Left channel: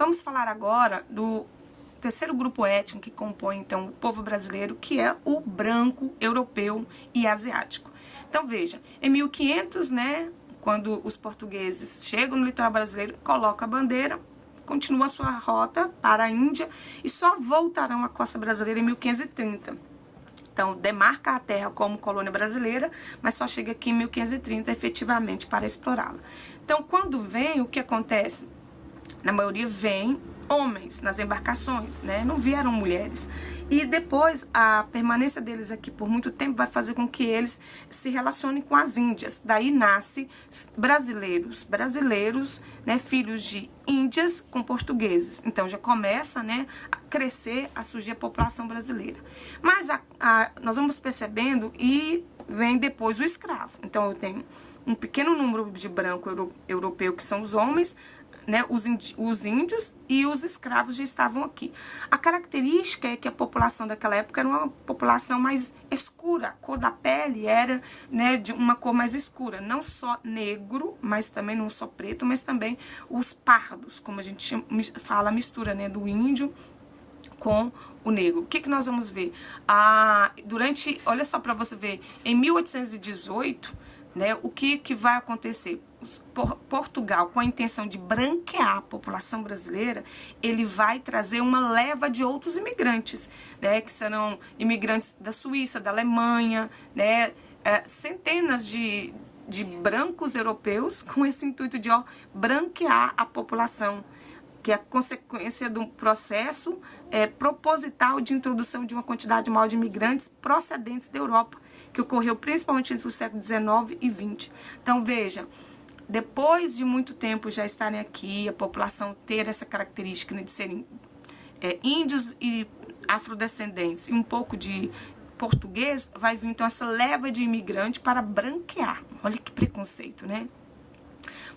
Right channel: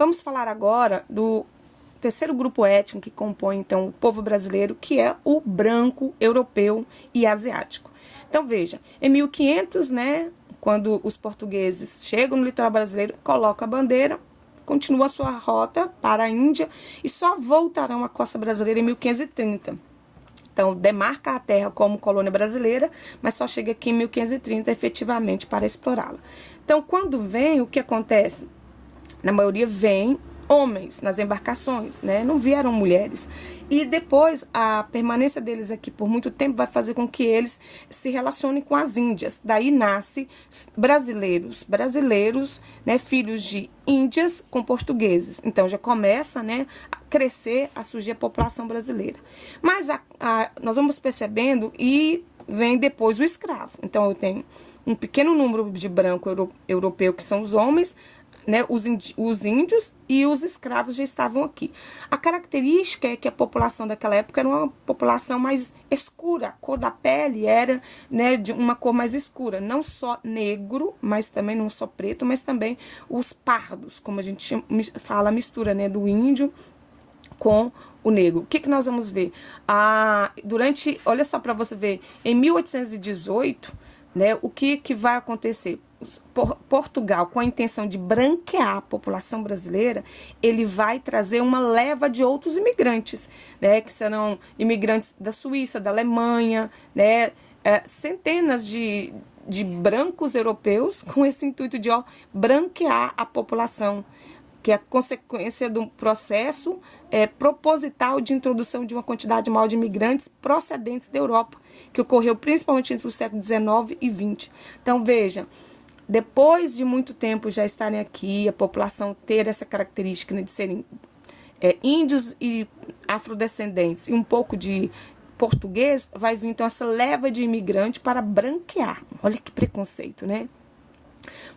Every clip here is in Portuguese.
Vamos falar agora do terceiro grupo étnico que compõe, então, o povo brasileiro, que é o branco, europeu e asiático. Então, veja, em 1500, né, quando os portugueses chegam no litoral brasileiro, colocam a bandeira, continua a sua rota para a Índia e só voltarão à costa brasileira em 1530. Então, demarca a terra como colônia brasileira, mas só chega aqui em 1530 efetivamente para explorá-la. Então, quando vem, o que acontece? Na maioria vem homens nas embarcações, né? Não vieram mulheres. E depois, a permanência deles aqui por muito tempo vai fazer com que eles se relacionem com as índias. Daí nasce brasileiros, né? Filhos de índias com portugueses. Então, já começa, né, a crescer, a surgir a população brasileira. Mas nós vamos percebendo e vem depois o escravo. Então, eu tenho um pequeno número de branco europeu, que são os homens, né, os índios e os escravos já estavam aqui. A característica é que a população daquela época era uma população mais escura, a cor da pele era, né, de uma cor mais escura, não só negro, mas também não só preto, mas também os pardos, como a gente fala, a mistura, né, do índio com o negro. O que nós vamos ver? Olha só para você ver, em 1818, né, o que vai acontecer? Portugal, com a intenção de branquear a população brasileira, ele vai trazer uma leva de outros imigrantes, né, que serão imigrantes da Suíça, da Alemanha, né, centenas de brancos europeus com esse intuito de branquear a população, que é a consequência do processo proposital de introdução de uma quantidade maior de imigrantes procedentes da Europa, que ocorreu principalmente entre o século XIX e XX. Então, veja, depois de muito tempo já estarem aqui, a população ter essa característica, né, de serem índios e afrodescendentes e um pouco de português, vai vir então essa leva de imigrantes para branquear. Olha que preconceito, né?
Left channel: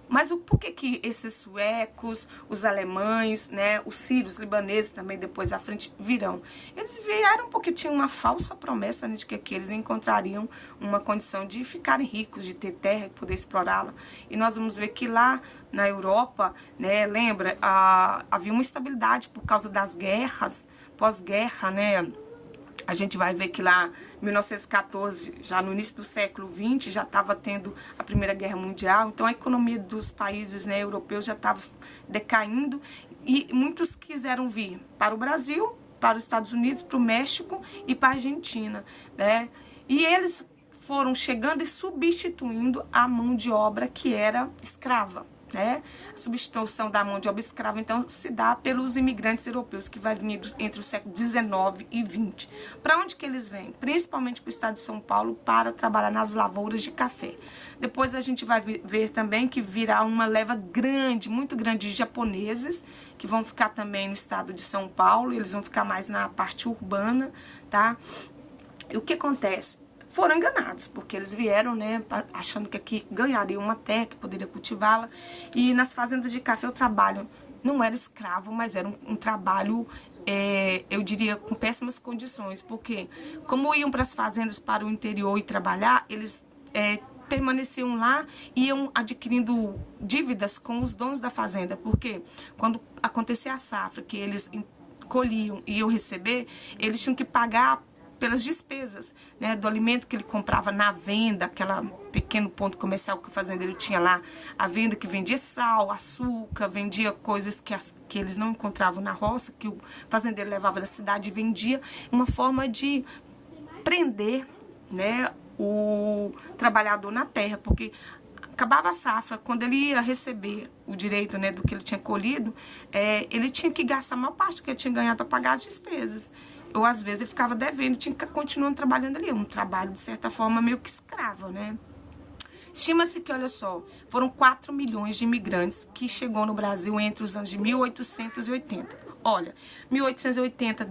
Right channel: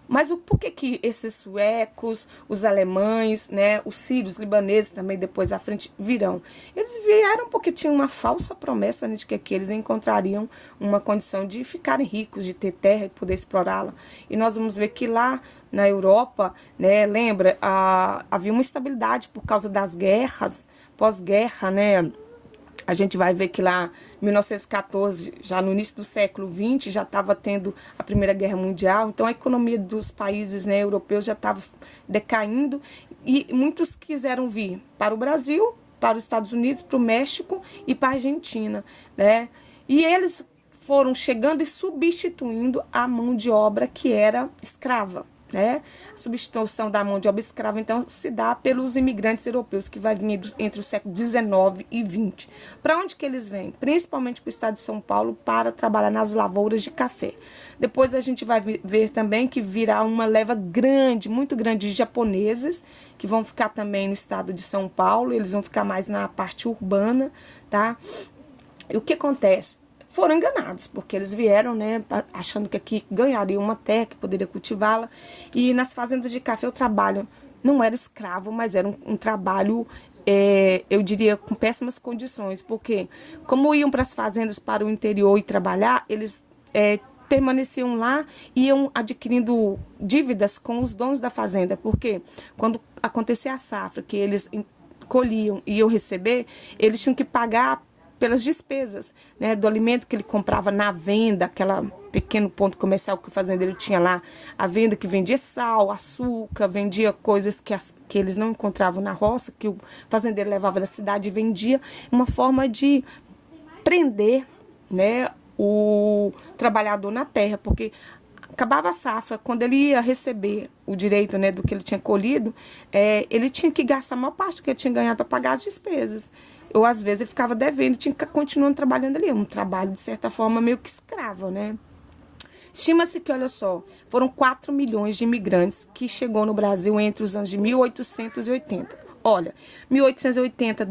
Mas por que esses suecos, os alemães, né, os sírios, libaneses também depois à frente virão? Eles vieram porque tinham uma falsa promessa, né, de que aqui eles encontrariam uma condição de ficarem ricos, de ter terra e poder explorá-la. E nós vamos ver que lá na Europa, né, lembra, havia uma estabilidade por causa das guerras, pós-guerra, né? A gente vai ver que lá, em 1914, já no início do século XX, já estava tendo a Primeira Guerra Mundial. Então, a economia dos países, né, europeus já estava decaindo. E muitos quiseram vir para o Brasil, para os Estados Unidos, para o México e para a Argentina, né? E eles foram chegando e substituindo a mão de obra que era escrava, né? A substituição da mão de obra escrava, então, se dá pelos imigrantes europeus, que vai vir entre o século XIX e XX. Para onde que eles vêm? Principalmente para o estado de São Paulo, para trabalhar nas lavouras de café. Depois a gente vai ver também que virá uma leva grande, muito grande, de japoneses, que vão ficar também no estado de São Paulo, eles vão ficar mais na parte urbana, tá? E o que acontece? Foram enganados, porque eles vieram, né, achando que aqui ganhariam uma terra, que poderia cultivá-la. E nas fazendas de café o trabalho não era escravo, mas era um trabalho, eu diria, com péssimas condições. Porque como iam para as fazendas, para o interior e trabalhar, eles permaneciam lá e iam adquirindo dívidas com os donos da fazenda. Porque quando acontecia a safra, que eles colhiam e iam receber, eles tinham que pagar pelas despesas, né, do alimento que ele comprava na venda, aquele pequeno ponto comercial que o fazendeiro tinha lá, a venda que vendia sal, açúcar, vendia coisas que eles não encontravam na roça, que o fazendeiro levava da cidade e vendia, uma forma de prender, né, o trabalhador na terra, porque acabava a safra, quando ele ia receber o direito, né, do que ele tinha colhido, ele tinha que gastar a maior parte do que ele tinha ganhado para pagar as despesas. Ou às vezes ele ficava devendo, tinha que continuar trabalhando ali, um trabalho de certa forma meio que escravo, né? Estima-se que, olha só, foram 4 milhões de imigrantes que chegou no Brasil entre os anos de 1880. Olha, 1880,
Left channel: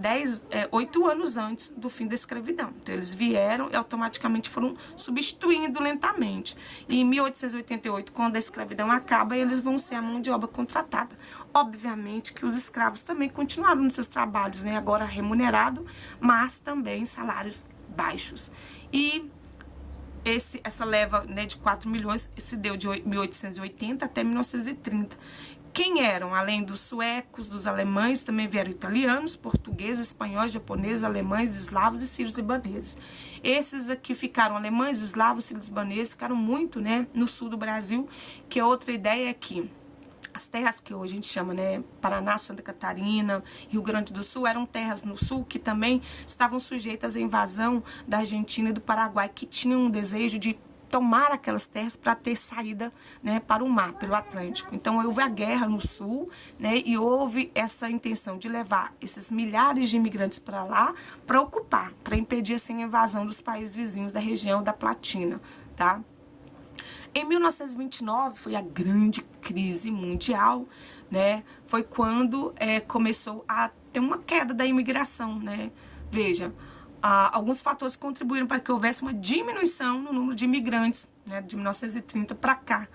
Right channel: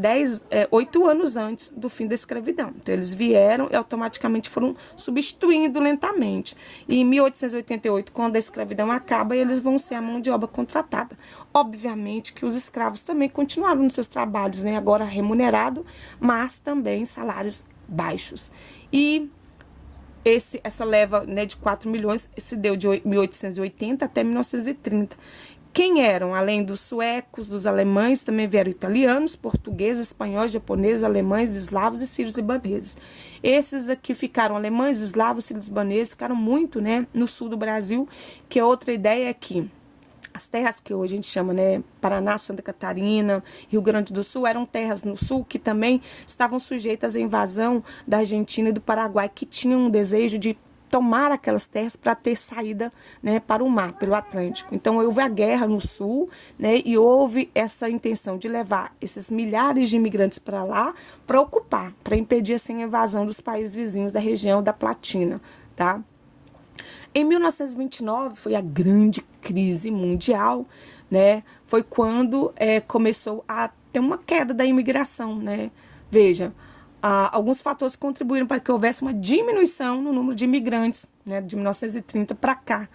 8 anos antes do fim da escravidão. Então, eles vieram e automaticamente foram substituindo lentamente. E em 1888, quando a escravidão acaba, eles vão ser a mão de obra contratada. Obviamente que os escravos também continuaram nos seus trabalhos, né? Agora remunerado, mas também salários baixos. E essa leva, né, de 4 milhões se deu de 1880 até 1930. Quem eram? Além dos suecos, dos alemães, também vieram italianos, portugueses, espanhóis, japoneses, alemães, eslavos e sírios libaneses. Esses aqui ficaram alemães, eslavos, sírios libaneses, ficaram muito, né, no sul do Brasil, que outra ideia é que as terras que hoje a gente chama, né, Paraná, Santa Catarina, Rio Grande do Sul, eram terras no sul que também estavam sujeitas à invasão da Argentina e do Paraguai, que tinham um desejo de tomar aquelas terras para ter saída, né, para o mar, pelo Atlântico. Então, houve a guerra no sul, né, e houve essa intenção de levar esses milhares de imigrantes para lá, para ocupar, para impedir assim, a invasão dos países vizinhos da região da Platina, tá? Em 1929 foi a grande crise mundial, né? Foi quando começou a ter uma queda da imigração, né? Veja, alguns fatores contribuíram para que houvesse uma diminuição no número de imigrantes, né? De 1930 para cá,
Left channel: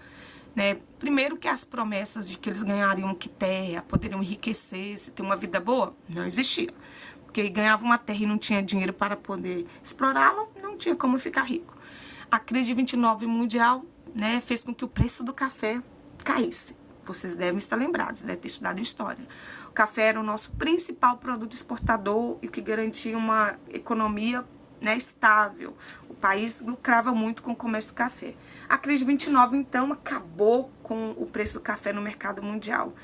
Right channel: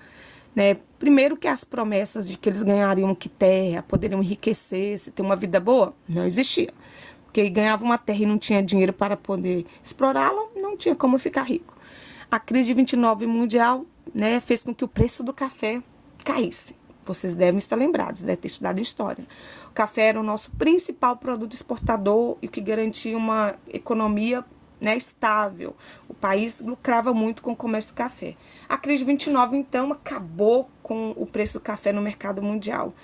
né? Primeiro que as promessas de que eles ganhariam que terra, poderiam enriquecer, ter uma vida boa, não existia. Porque ganhava uma terra e não tinha dinheiro para poder explorá-la, não tinha como ficar rico. A crise de 29 mundial, né, fez com que o preço do café caísse. Vocês devem estar lembrados, devem ter estudado história. O café era o nosso principal produto exportador e que garantia uma economia, né, estável. O país lucrava muito com o comércio do café. A crise de 29, então, acabou com o preço do café no mercado mundial.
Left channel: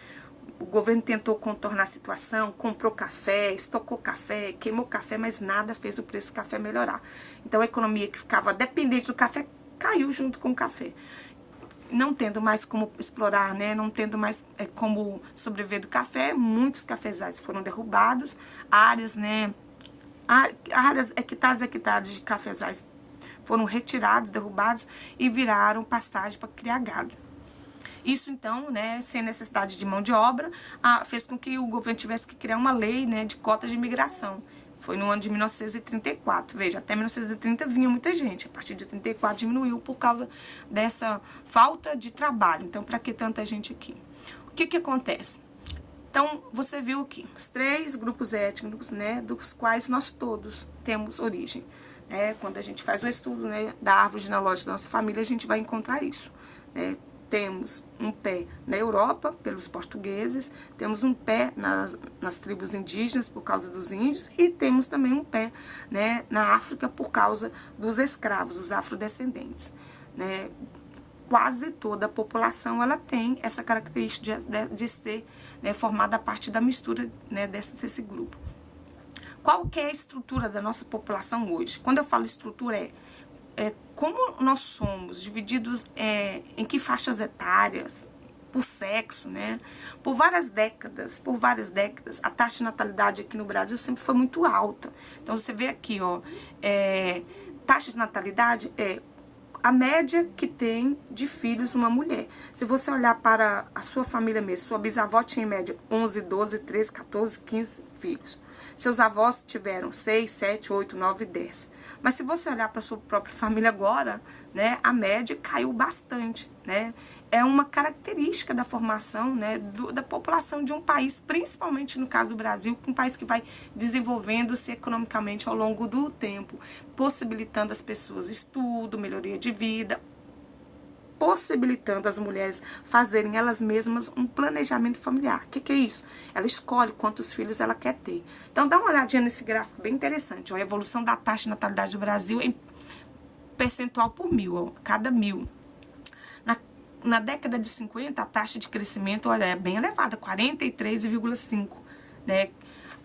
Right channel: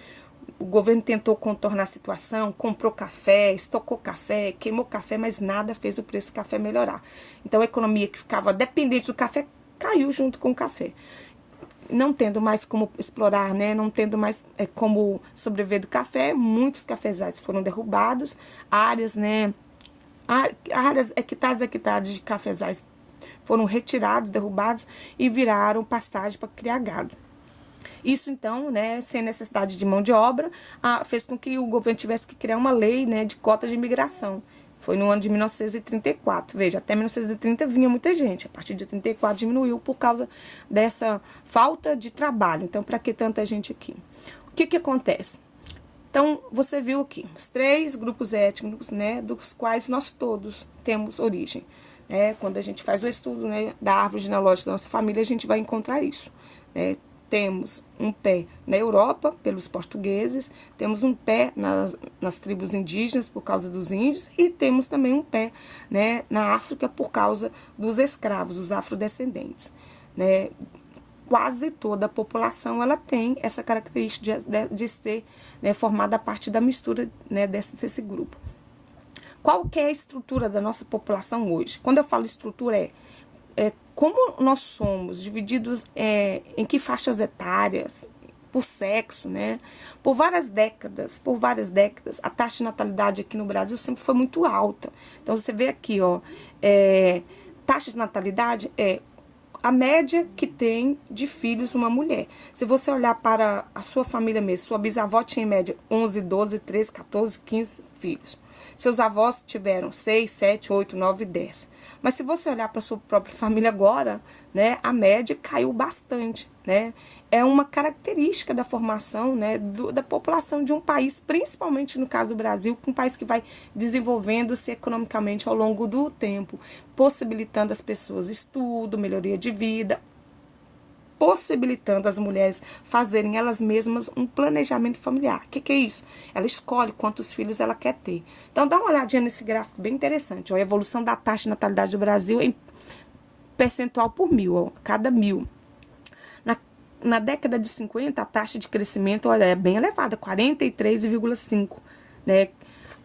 O governo tentou contornar a situação, comprou café, estocou café, queimou café, mas nada fez o preço do café melhorar. Então, a economia que ficava dependente do café caiu junto com o café. Não tendo mais como explorar, né? Não tendo mais como sobreviver do café, muitos cafezais foram derrubados, áreas, né? Áreas, hectares de cafezais foram retirados, derrubados e viraram pastagem para criar gado. Isso, então, né, sem necessidade de mão de obra, fez com que o governo tivesse que criar uma lei, né, de cotas de imigração. Foi no ano de 1934. Veja, até 1930 vinha muita gente. A partir de 34 diminuiu por causa dessa falta de trabalho. Então, para que tanta gente aqui? O que que acontece? Então, você viu aqui os 3 grupos étnicos, né, dos quais nós todos temos origem. Quando a gente faz o estudo, né, da árvore genealógica da nossa família, a gente vai encontrar isso. Temos um pé na Europa, pelos portugueses, temos um pé nas tribos indígenas, por causa dos índios, e temos também um pé, né, na África, por causa dos escravos, os afrodescendentes. Né? Quase toda a população ela tem essa característica de ser, né, formada a partir da mistura, né, desse grupo. Qual que é a estrutura da nossa população hoje? Quando eu falo estrutura, como nós somos divididos em que faixas etárias, por sexo, né? Por várias décadas, a taxa de natalidade aqui no Brasil sempre foi muito alta. Então, você vê aqui, ó, taxa de natalidade é a média que tem de filhos uma mulher. Se você olhar para a sua família mesmo, sua bisavó tinha em média 11, 12, 13, 14, 15 filhos. Seus avós tiveram 6, 7, 8, 9, 10. Mas se você olhar para a sua própria família agora, né, a média caiu bastante, né? É uma característica da formação, né, da população de um país, principalmente no caso do Brasil, um país que vai desenvolvendo-se economicamente ao longo do tempo, possibilitando as pessoas estudo, melhoria de vida, possibilitando as mulheres fazerem elas mesmas um planejamento familiar. O que é isso? Ela escolhe quantos filhos ela quer ter. Então, dá uma olhadinha nesse gráfico bem interessante. Ó, a evolução da taxa de natalidade do Brasil em percentual por 1000, ó, cada 1000. Na década de 50, a taxa de crescimento, olha, é bem elevada, 43,5, né?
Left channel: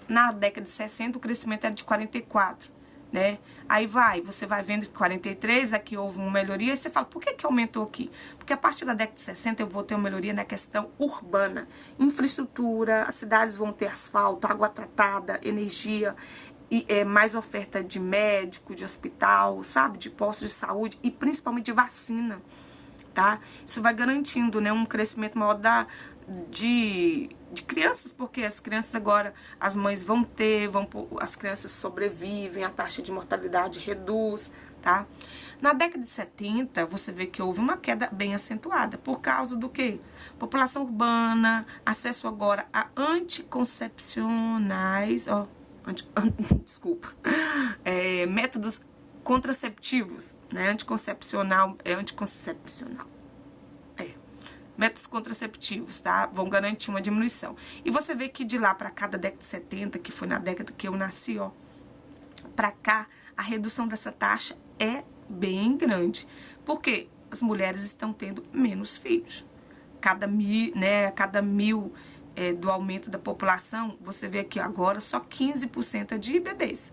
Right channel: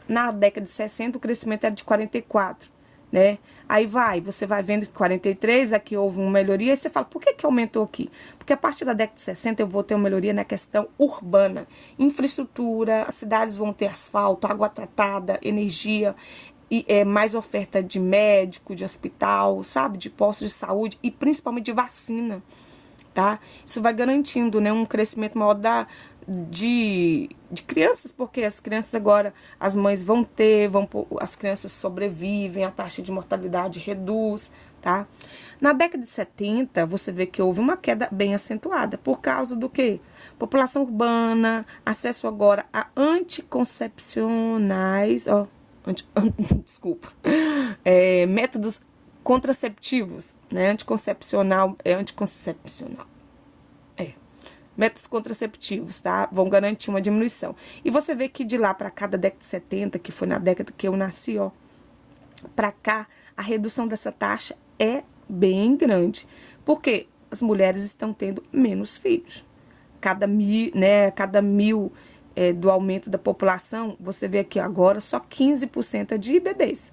Na década de 60, o crescimento era de 44, né? Aí você vai vendo que 43, aqui houve uma melhoria, e você fala, por que aumentou aqui? Porque a partir da década de 60 eu vou ter uma melhoria na questão urbana, infraestrutura, as cidades vão ter asfalto, água tratada, energia, e mais oferta de médico, de hospital, sabe, de postos de saúde e principalmente de vacina, tá? Isso vai garantindo, né, um crescimento maior de crianças, porque as crianças agora, as mães as crianças sobrevivem, a taxa de mortalidade reduz, tá? Na década de 70, você vê que houve uma queda bem acentuada, por causa do quê? População urbana, acesso agora a anticoncepcionais, desculpa, métodos contraceptivos, né? Anticoncepcional. métodos contraceptivos, tá? Vão garantir uma diminuição. E você vê que de lá para cá, da década de 70, que foi na década que eu nasci, ó, para cá, a redução dessa taxa é bem grande. Porque as mulheres estão tendo menos filhos. Cada mil do aumento da população, você vê aqui agora só 15% é de bebês.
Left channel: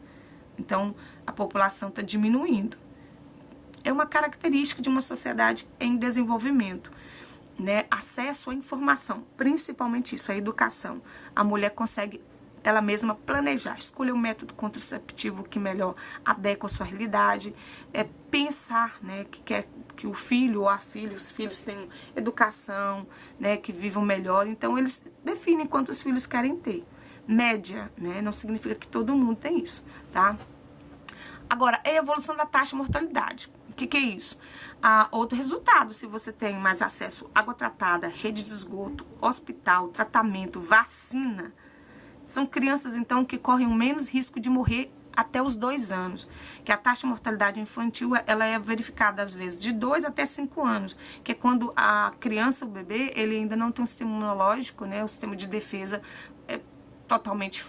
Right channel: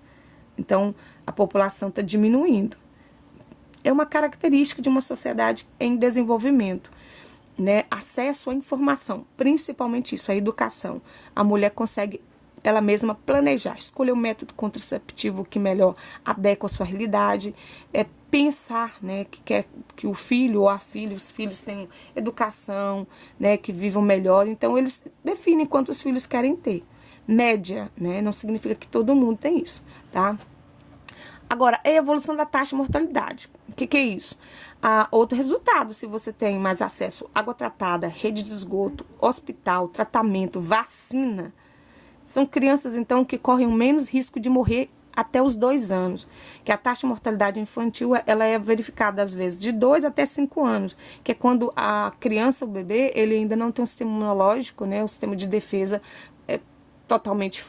Então, a população está diminuindo. É uma característica de uma sociedade em desenvolvimento, né? Acesso à informação, principalmente isso, a educação. A mulher consegue ela mesma planejar, escolher o método contraceptivo que melhor adequa a sua realidade, pensar, né, que quer que o filho ou a filha, os filhos tenham educação, né, que vivam melhor. Então, eles definem quantos filhos querem ter. Média, né, não significa que todo mundo tem isso, tá? Agora, a evolução da taxa de mortalidade. O que é isso? Outro resultado, se você tem mais acesso à água tratada, rede de esgoto, hospital, tratamento, vacina, são crianças, então, que correm o menos risco de morrer até os 2 anos. Que a taxa de mortalidade infantil, ela é verificada, às vezes, de 2 até 5 anos. Que é quando a criança, o bebê, ele ainda não tem um sistema imunológico, né? O sistema de defesa totalmente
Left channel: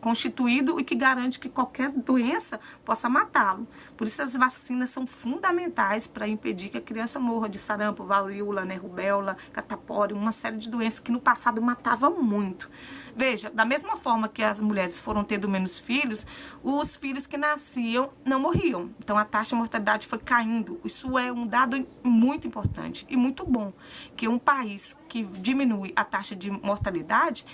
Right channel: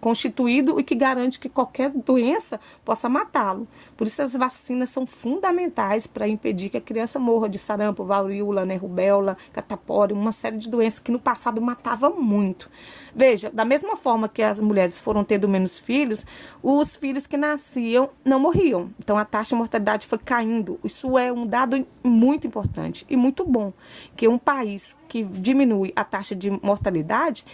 constituído e que garante que qualquer doença possa matá-lo. Por isso as vacinas são fundamentais para impedir que a criança morra de sarampo, varíola, né, rubéola, catapora, uma série de doenças que no passado matava muito. Veja, da mesma forma que as mulheres foram tendo menos filhos, os filhos que nasciam não morriam. Então a taxa de mortalidade foi caindo. Isso é um dado muito importante e muito bom, que um país que diminui a taxa de mortalidade,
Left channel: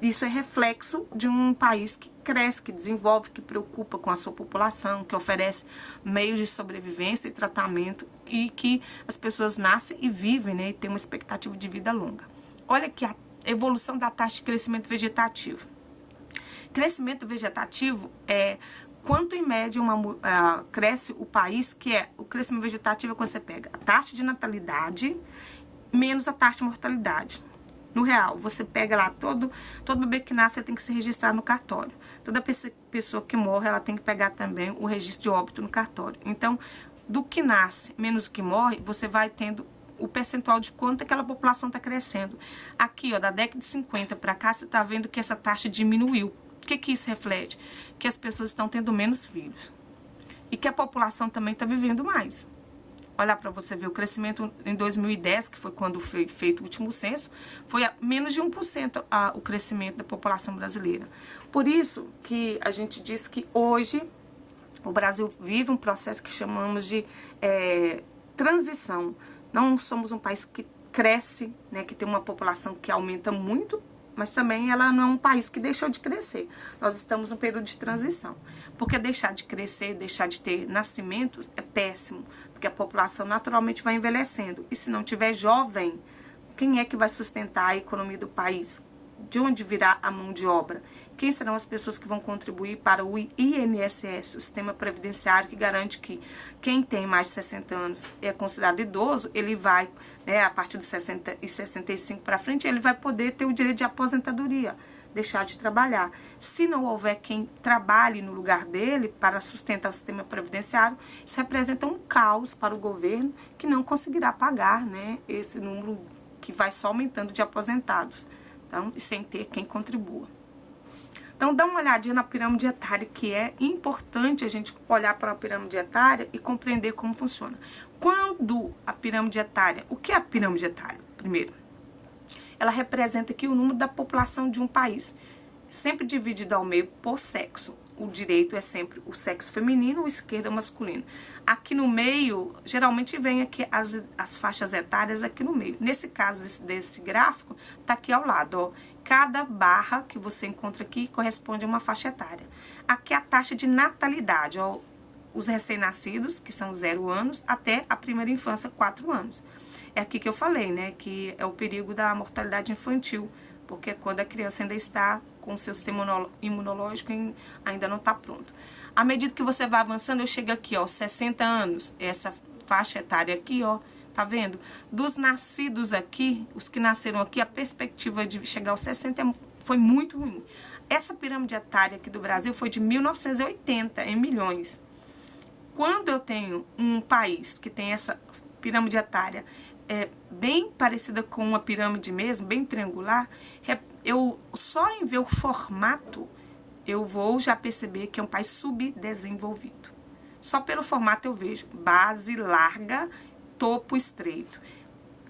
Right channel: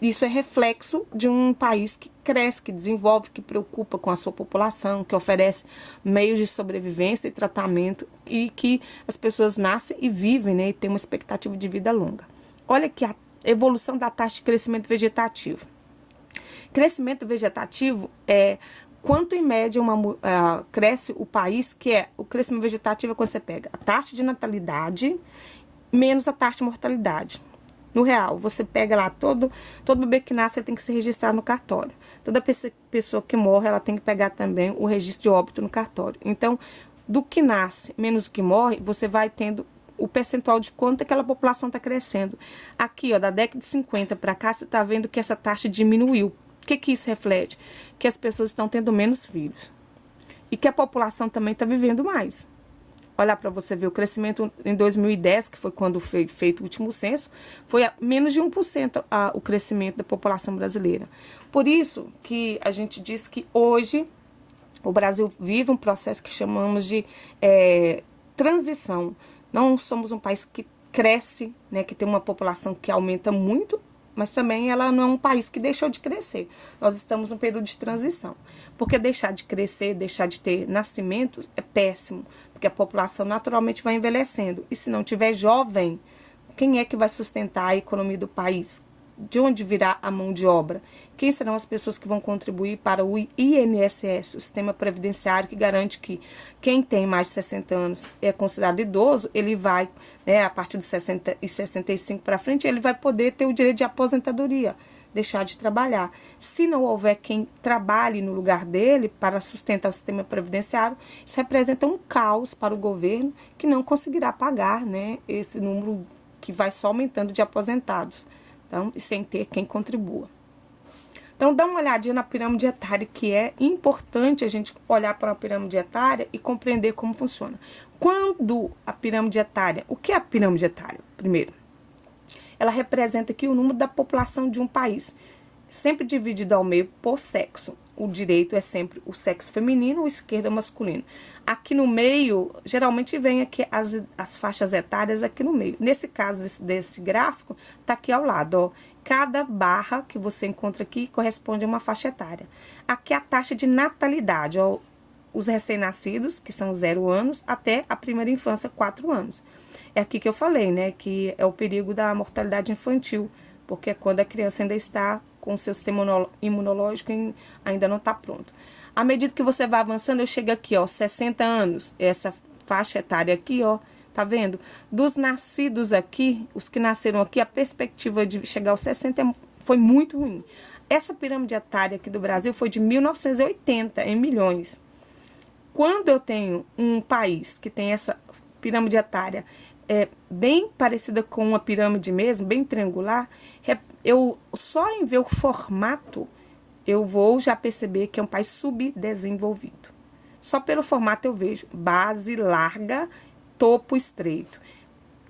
isso é reflexo de um país que cresce, que desenvolve, que preocupa com a sua população, que oferece meios de sobrevivência e tratamento e que as pessoas nascem e vivem, né, e têm uma expectativa de vida longa. Olha aqui a evolução da taxa de crescimento vegetativo. Crescimento vegetativo é quanto em média cresce o país, que é o crescimento vegetativo é quando você pega a taxa de natalidade menos a taxa de mortalidade. No real, você pega lá, todo bebê que nasce tem que se registrar no cartório. Toda pessoa que morre, ela tem que pegar também o registro de óbito no cartório. Então, do que nasce menos o que morre, você vai tendo o percentual de quanto aquela população está crescendo. Aqui, ó, da década de 50 para cá, você está vendo que essa taxa diminuiu. O que isso reflete? Que as pessoas estão tendo menos filhos. E que a população também está vivendo mais. Olha para você ver, o crescimento em 2010, que foi quando foi feito o último censo, foi a menos de 1% o crescimento da população brasileira. Por isso que a gente diz que hoje o Brasil vive um processo que chamamos de transição. Não somos um país que cresce, né, que tem uma população que aumenta muito, mas também ela não é um país que deixou de crescer. Nós estamos num período de transição. Porque deixar de crescer, deixar de ter nascimentos é péssimo. Porque a população naturalmente vai envelhecendo. E se não tiver jovem, quem é que vai sustentar a economia do país? De onde virá a mão de obra? Quem serão as pessoas que vão contribuir para o INSS, o sistema previdenciário que garante que quem tem mais de 60 anos é considerado idoso, ele vai, a partir dos 60 e 65 para frente, ele vai poder ter o direito de aposentadoria, deixar de trabalhar. Se não houver quem trabalhe no lugar dele para sustentar o sistema previdenciário, isso representa um caos para o governo que não conseguirá pagar, né, esse número que vai só aumentando de aposentados, então, e sem ter quem contribua. Então, dá uma olhadinha na pirâmide etária, que é importante a gente olhar para a pirâmide etária e compreender como funciona. Quando a pirâmide etária, o que é a pirâmide etária? Primeiro, ela representa aqui o número da população de um país, sempre dividido ao meio por sexo. O direito é sempre o sexo feminino, o esquerdo é masculino. Aqui no meio, geralmente vem aqui as faixas etárias aqui no meio. Nesse caso desse gráfico, tá aqui ao lado, ó. Cada barra que você encontra aqui corresponde a uma faixa etária. Aqui a taxa de natalidade, ó, os recém-nascidos, que são 0 anos, até a primeira infância, 4 anos. É aqui que eu falei, né, que é o perigo da mortalidade infantil, porque é quando a criança ainda está com o seu sistema imunológico ainda não está pronto. À medida que você vai avançando, eu chego aqui, ó, 60 anos, essa faixa etária aqui, ó, tá vendo? Dos nascidos aqui, os que nasceram aqui, a perspectiva de chegar aos 60 foi muito ruim. Essa pirâmide etária aqui do Brasil foi de 1980, em milhões. Quando eu tenho um país que tem essa pirâmide etária bem parecida com uma pirâmide mesmo, bem triangular, eu só em ver o formato, eu vou já perceber que é um país subdesenvolvido. Só pelo formato eu vejo base larga, topo estreito.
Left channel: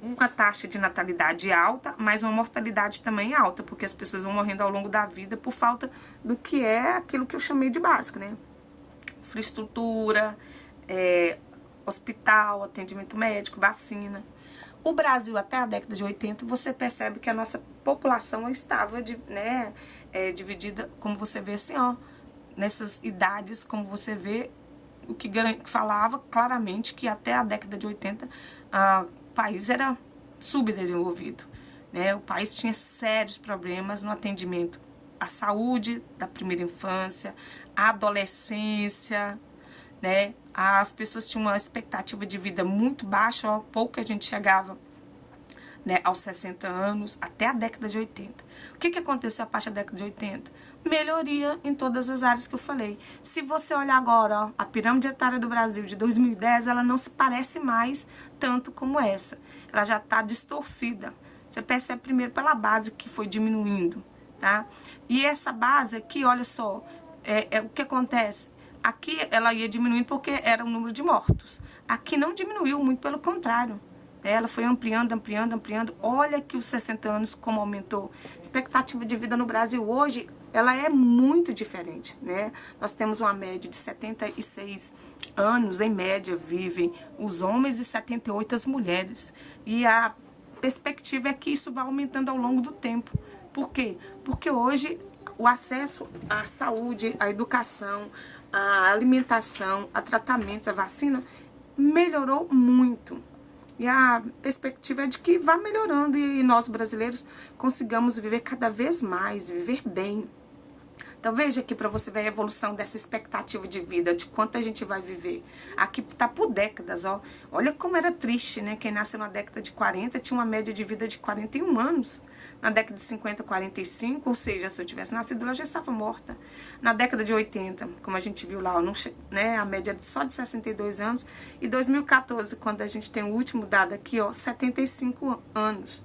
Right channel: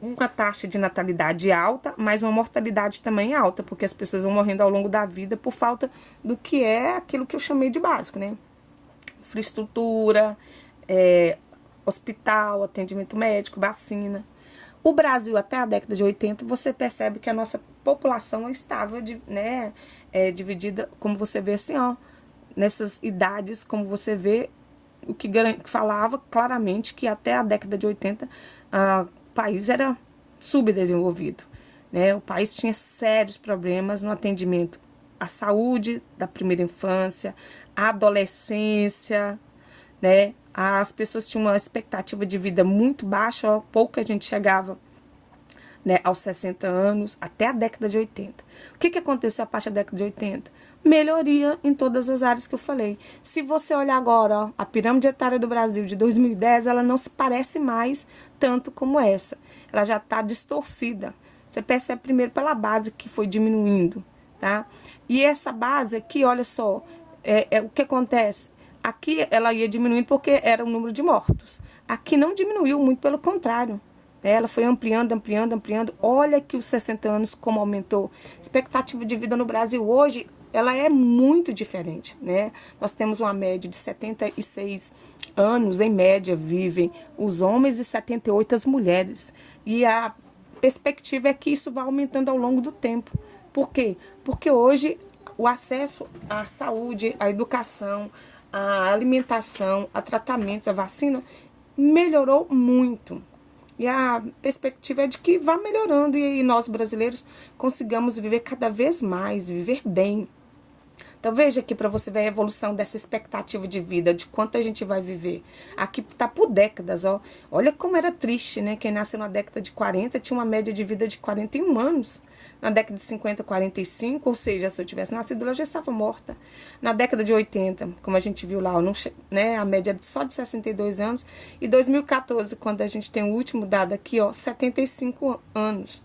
Uma taxa de natalidade alta, mas uma mortalidade também alta, porque as pessoas vão morrendo ao longo da vida por falta do que é aquilo que eu chamei de básico, né? Infraestrutura, hospital, atendimento médico, vacina. O Brasil, até a década de 80, você percebe que a nossa população estava, né, dividida, como você vê assim, ó, nessas idades, como você vê, o que falava claramente que até a década de 80 o país era subdesenvolvido, né? O país tinha sérios problemas no atendimento à saúde da primeira infância, à adolescência, né? As pessoas tinham uma expectativa de vida muito baixa, ó, pouca gente chegava, né, aos 60 anos, até a década de 80. O que aconteceu a partir da década de 80? Melhoria em todas as áreas que eu falei. Se você olhar agora, ó, a pirâmide etária do Brasil de 2010, ela não se parece mais tanto como essa. Ela já está distorcida. Você percebe primeiro pela base que foi diminuindo, tá? E essa base aqui, olha só, o que acontece? Aqui ela ia diminuindo porque era o número de mortos. Aqui não diminuiu, muito pelo contrário. Ela foi ampliando, ampliando, ampliando. Olha que os 60 anos como aumentou. Expectativa de vida no Brasil hoje, ela é muito diferente, né? Nós temos uma média de 76 anos, em média, vivem os homens e 78 as mulheres. E a perspectiva é que isso vai aumentando ao longo do tempo. Por quê? Porque hoje o acesso à saúde, à educação, à alimentação, a tratamentos, a vacina, melhorou muito. E a perspectiva é de que vá melhorando e nós brasileiros consigamos viver cada vez mais, viver bem. Então veja aqui para você ver a evolução dessa expectativa de vida, de quanto a gente vai viver. Aqui tá por décadas, ó. Olha como era triste, né? Quem nasceu na década de 40 tinha uma média de vida de 41 anos. Na década de 50, 45, ou seja, se eu tivesse nascido, ela já estava morta. Na década de 80, como a gente viu lá, né, a média só de 62 anos. E 2014, quando a gente tem o último dado aqui, ó, 75 anos.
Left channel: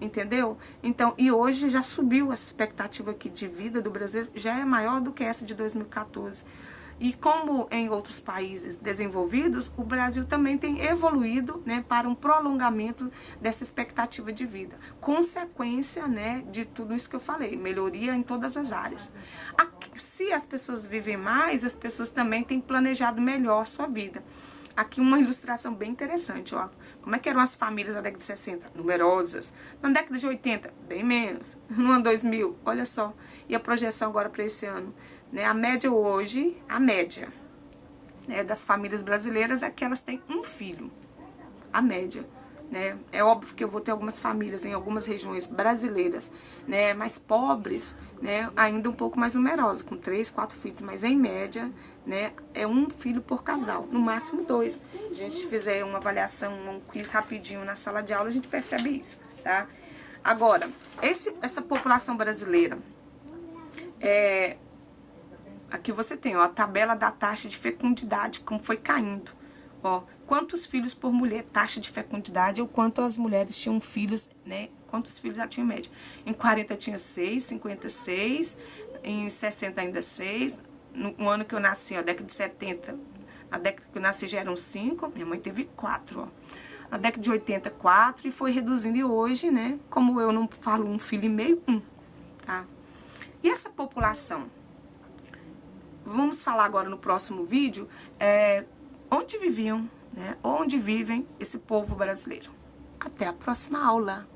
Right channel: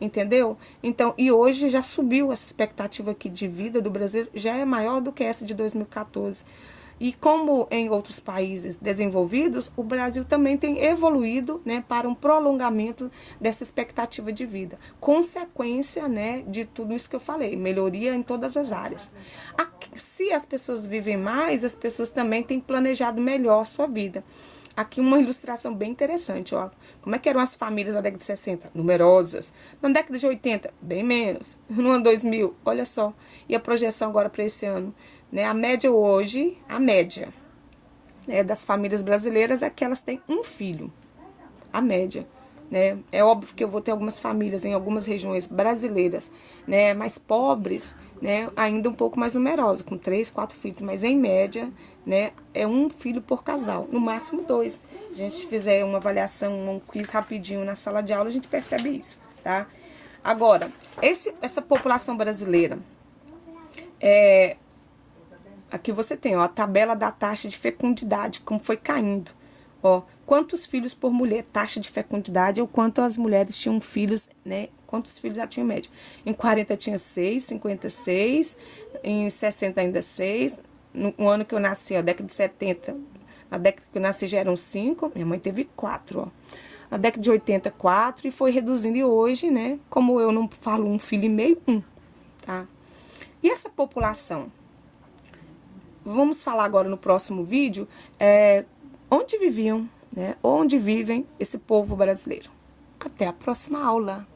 Entendeu? Então, e hoje já subiu essa expectativa aqui de vida do Brasil, já é maior do que essa de 2014. E como em outros países desenvolvidos, o Brasil também tem evoluído, né, para um prolongamento dessa expectativa de vida. Consequência, né, de tudo isso que eu falei, melhoria em todas as áreas. Se as pessoas vivem mais, as pessoas também têm planejado melhor a sua vida. Aqui uma ilustração bem interessante, ó. Como é que eram as famílias na década de 60? Numerosas. Na década de 80, bem menos. No ano 2000, olha só. E a projeção agora para esse ano? Né? A média hoje, né, das famílias brasileiras é que elas têm um filho. A média. Né? É óbvio que eu vou ter algumas famílias em algumas regiões brasileiras, né, mais pobres, né, ainda um pouco mais numerosas, com 3, 4 filhos, mas em média, né, é um filho por casal, no máximo 2. A gente fizer uma avaliação, um quiz rapidinho na sala de aula, a gente percebe isso, tá? Agora, essa população brasileira, aqui você tem, ó, a tabela da taxa de fecundidade, como foi caindo, ó, quantos filhos por mulher, taxa de fecundidade, ou quanto as mulheres tinham filhos, né, quantos filhos já tinham em média. Em 40 tinha 6, 56, em 60 ainda 6, no ano que eu nasci, a década de 70, na década que eu nasci já eram 5, minha mãe teve 4, ó. Na década de 80, 4, e foi reduzindo, e hoje, né, como eu não falo um filho e meio, 1, tá? E essa população? Vamos falar agora no próximo vídeo, onde viviam, né, onde vivem esse povo brasileiro. Até a próxima aula!